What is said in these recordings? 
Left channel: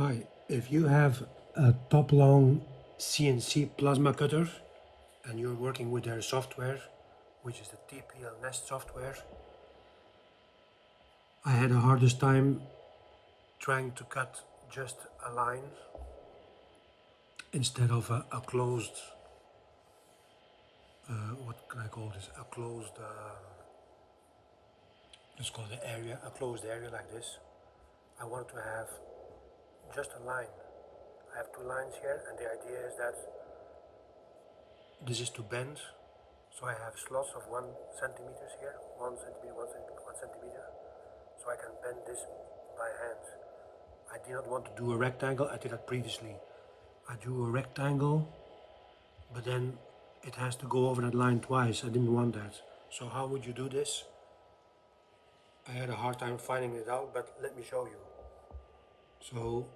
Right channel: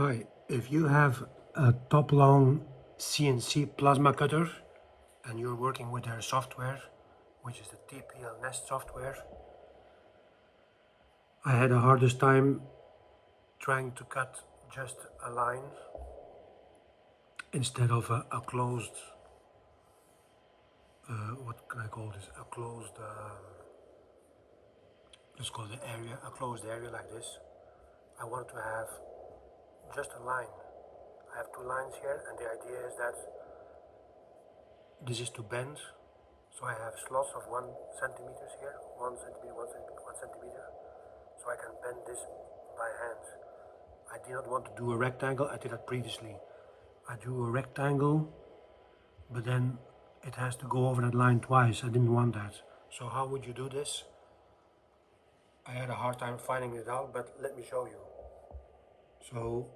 Hi, if you have a TopLoong CNC plasma cutter and you're working with their software, which is the TPL Nest software, I had the hardest time trying to cut just a line instead of a closed, what can I call this? A closed, let's call it area, a closed area like this. I wanted to have just a line. I have two lines here, and the idea is that this is to bend. So I have slots of 1 centimeters here, 1 centimeter, 1 centimeter, 1 centimeter. So I can bend this by hand. I did not want to do a rectangle. I did that previously. I drew a rectangle, but then it has to go over that line twice. I didn't want that. So how would you do this? I had a hard time finding it out, but let me show you. So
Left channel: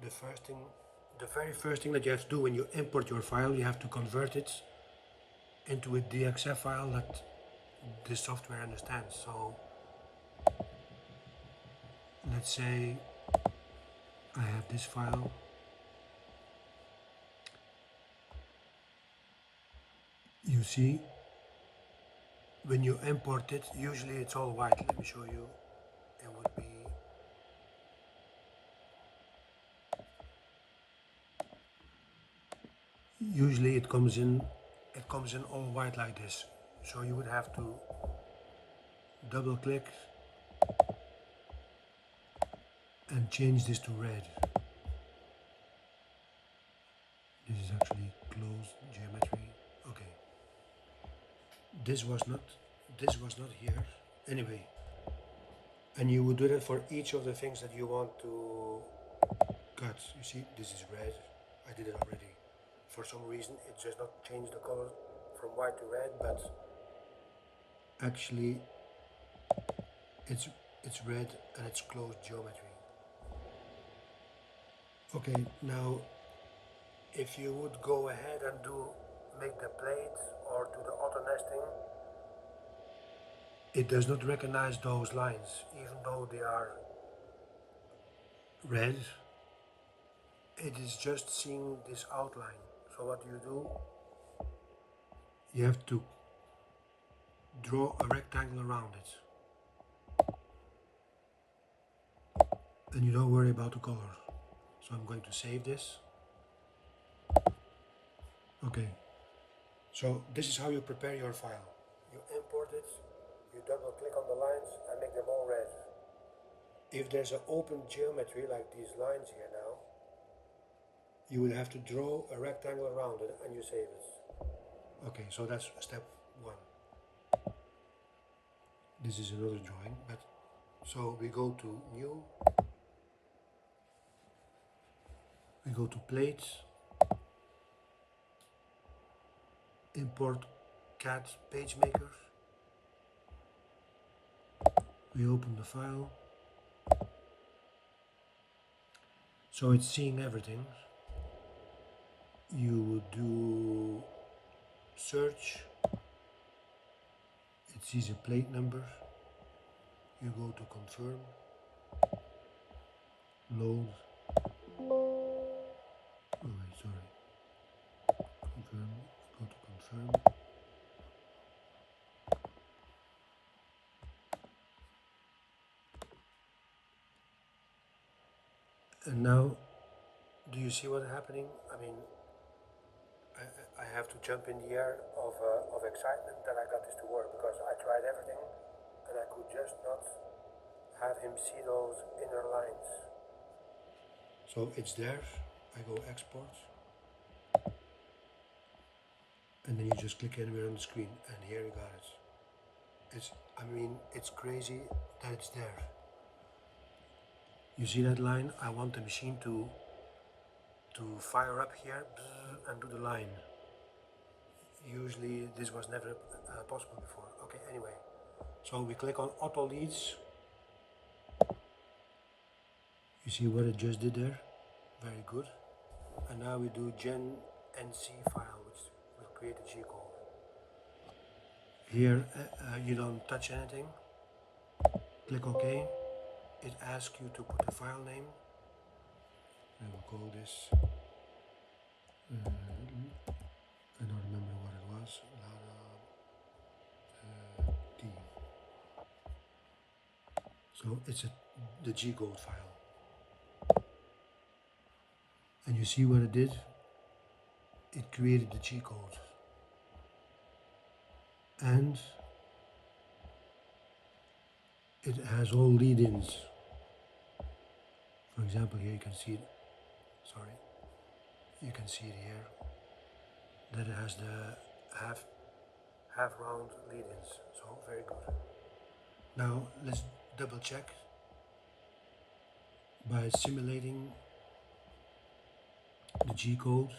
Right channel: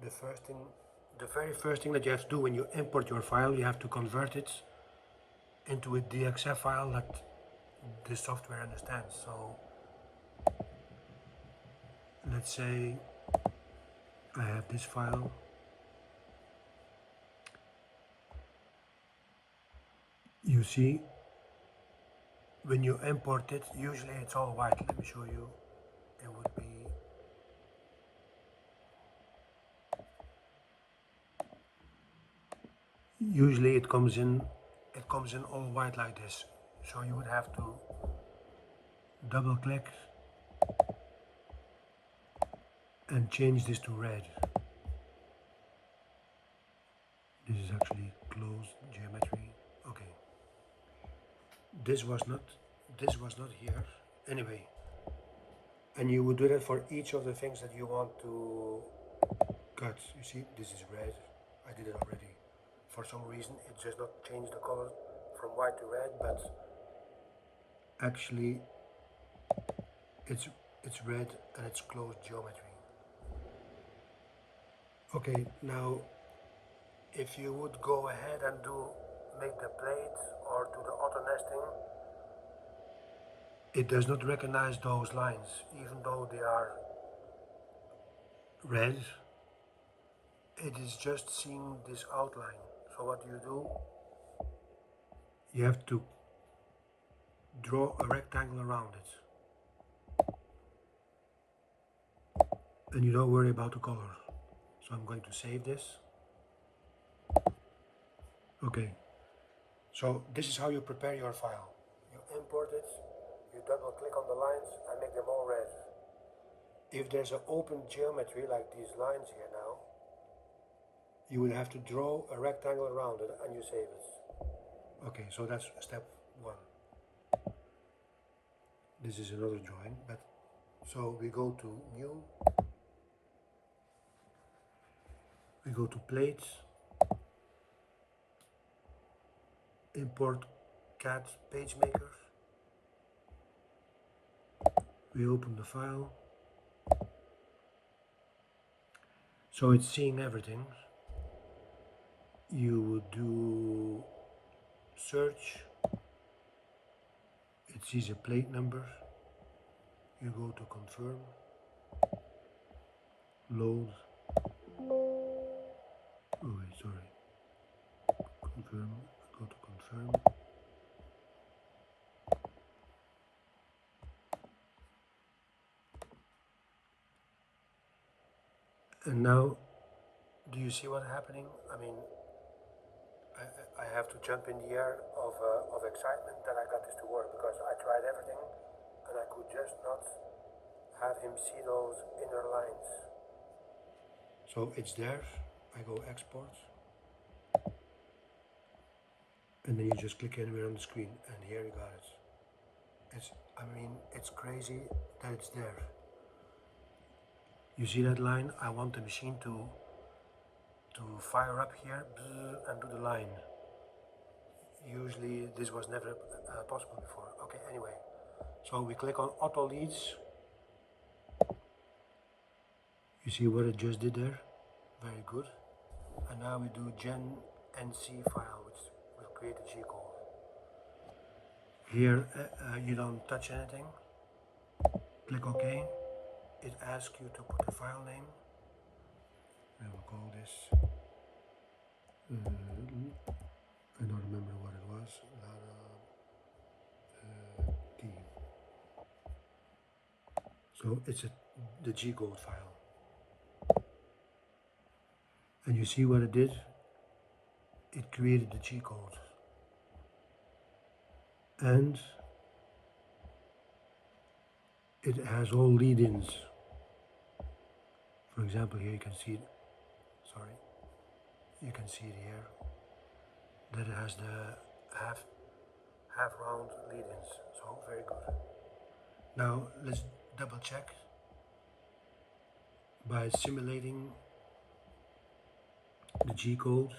the very first thing that you have to do when you import your file, you have to convert it into a DXF file that this software understands. So let's say I have this file. You see, when you import it, usually it's all white. Let me show you. It would be usually it comes in all white like this. So you would have to double click and change this to red. This is actually closed geometry. Okay. This was not here. Anyway, and you would do that for each of the things that you want to cut. You see, this is red. I did it already. For some reason, it does not change the color from white to red, but actually it's red and it's closed geometry. Okay, now if you would go ahead and make the plate or do the auto nesting, it does not recognize those lines, even though they are red. It is just seeing this outline. So what do? You have to draw a rectangle around it. And you don't worry about the color. So I'm going to save this. Okay, so this is how you prepare your file. You import it, you double click on the lines and make them all red. If there's an open geometry like these lines here now, you will have to draw a rectangle around it and you save it. Okay, so that's step one. This is another drawing, but so we go to new, we go to plates, import CAD PageMaker, we open the file, so it's seeing everything. You would do search, it sees a plate number, you go to confirm, load, oh wait, sorry, confirm, go to confirm, and now do you see what's happening? I mean, I have to jump in the air of excitement that I got this to work, because I tried everything and I could just not have him see those inner lines. So it's there, I go export, and then you just click anywhere on the screen and here you got it. It's crazy that it's there. You see that line? I want the machine to fire up here and do the line. Usually this was never possible before. Okay, anyway. So we click on auto leads. You see what it just did there? Very good. And now we do gen NC file, which will create a G code. Here you don't touch anything. Click OK. It asks you to put the file name. this. I don't remember what it was. T. So it's the G code file. And you see what it did? It created the G code. And it has all lead-ins. For example, here you can see it. Sorry. You can see it here. That it has the half round lead-ins. So very good. Now let's double check by simulating the G code.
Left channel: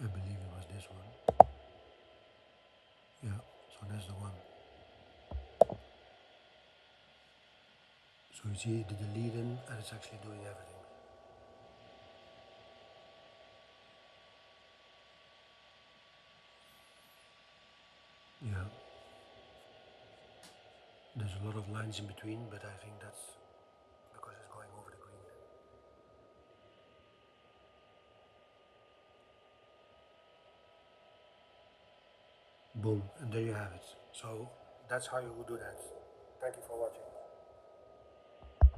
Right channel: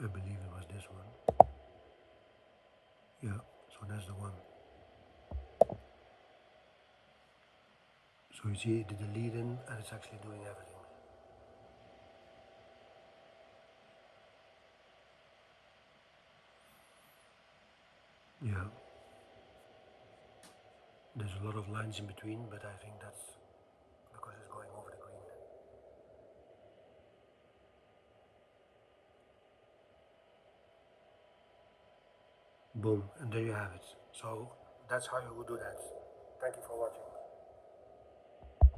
I believe it was this one. Yeah, so that's the one. So you see it did the lead in and it's actually doing everything. Yeah. There's a lot of lines in between, but I think that's because it's going over the green. Boom, and there you have it. So that's how you would do that. Thank you for watching.